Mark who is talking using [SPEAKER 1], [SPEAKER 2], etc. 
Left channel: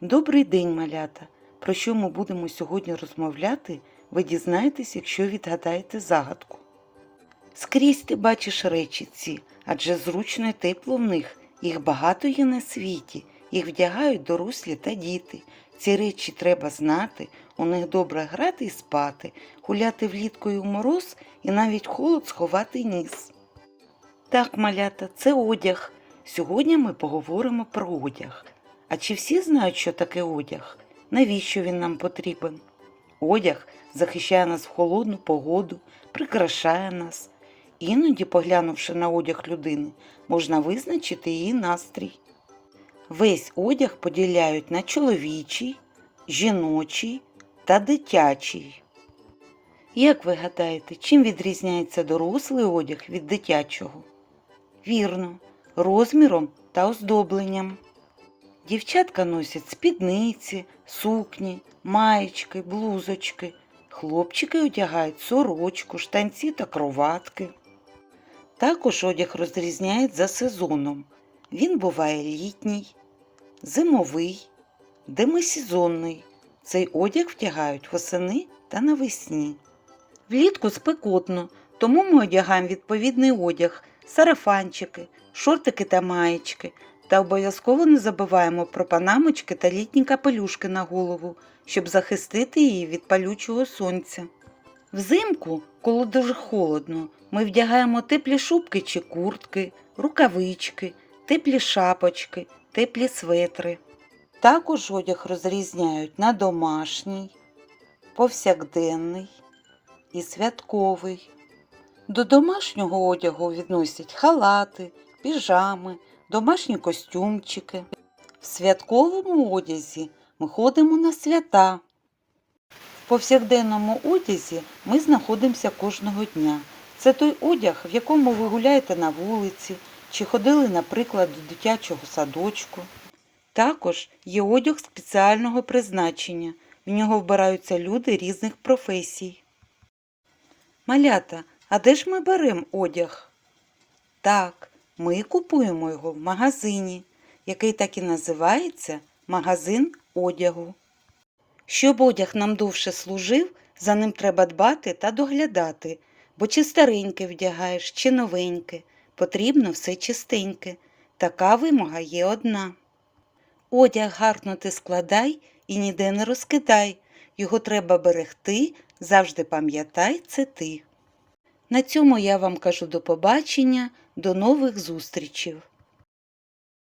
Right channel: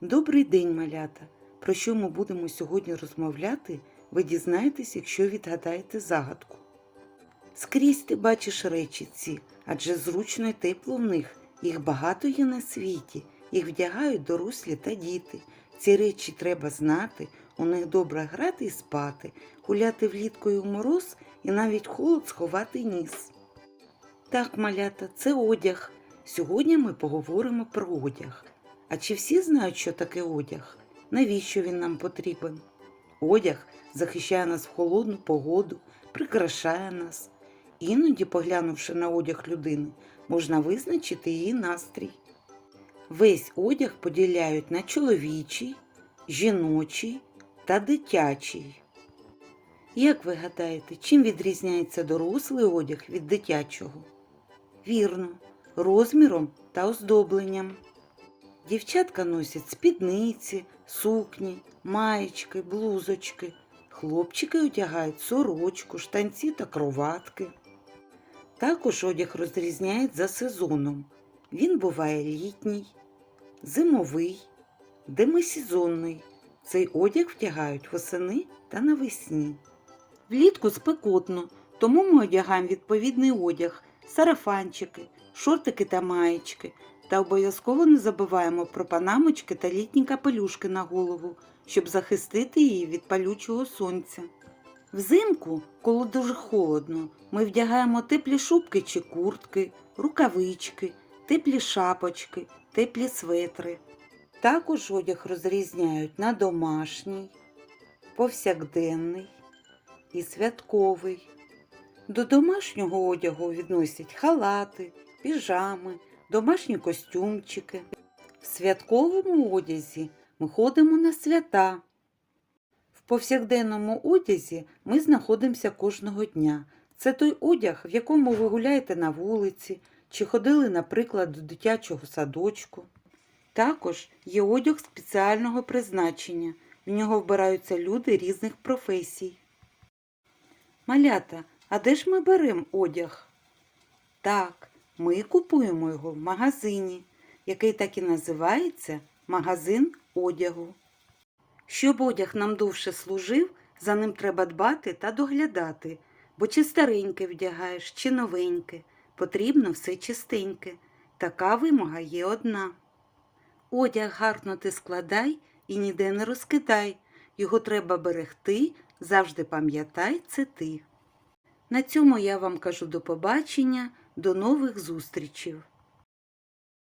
[SPEAKER 1] Добрий день, малята! Про що ми будемо сьогодні розмовляти, ви дізнаєтесь, якщо відгадаєте загадку. Скрізь ти бачиш речі ці, адже зручно і тепло в них. Їх багато є на світі, їх вдягають дорослі та діти. Ці речі треба знати, у них добре грати і спати, гуляти влітку і у мороз і навіть холод сховати ніс. Так, малята, це одяг. Сьогодні ми поговоримо про одяг. А чи всі знають, що таке одяг? Навіщо він нам потрібен? Одяг захищає нас в холодну погоду, прикрашає нас. Іноді, поглянувши на одяг людини, можна визначити її настрій. Весь одяг поділяють на чоловічий, жіночий та дитячий. Як ви гадаєте, чим відрізняється дорослий одяг від дитячого? Вірно, розміром та оздобленням. Дівчатка носять спідниці, сукні, маєчки, блузочки. Хлопчики одягають сорочку, штанці та кроватки. Також одяг розрізняють за сезоном. Він буває літній, зимовий, демисезонний. Цей одяг вдягають восени та навесні. Влітку спекотно, тому ми одягаємо відповідний одяг, сарафанчики, шортики та маєчки. Та обов'язково не забуваємо про панамочки та літні капелюшки на голову, щоб захистити її від палючого сонця. Взимку, коли дуже холодно, ми вдягаємо теплі шубки чи куртки, рукавички, теплі шапочки, теплі светри. Також одяг розрізняють на домашній, повсякденний і святковий. До домашнього одягу відносять халати, піжами, домашні костюмчики. В святковому одязі ми ходимо на свята. В повсякденному одязі ми знаходимося кожного дня. Це той одяг, в якому ви гуляєте на вулиці чи ходили, наприклад, до дитячого садочку. Також є одяг спеціального призначення. В нього вбираються люди різних професій. Малята, а де ж ми беремо одяг? Так, ми купуємо його в магазині, який так і називається магазин одягу. Щоб одяг нам довше служив, за ним треба дбати та доглядати, бо чи стареньке вдягаєш, чи новеньке, потрібно все чистеньке. Така вимога є одна. Одяг гарно ти складай і ніде не розкидай. Його треба берегти, завжди пам'ятай це ти. На цьому я вам кажу до побачення, до нових зустрічей.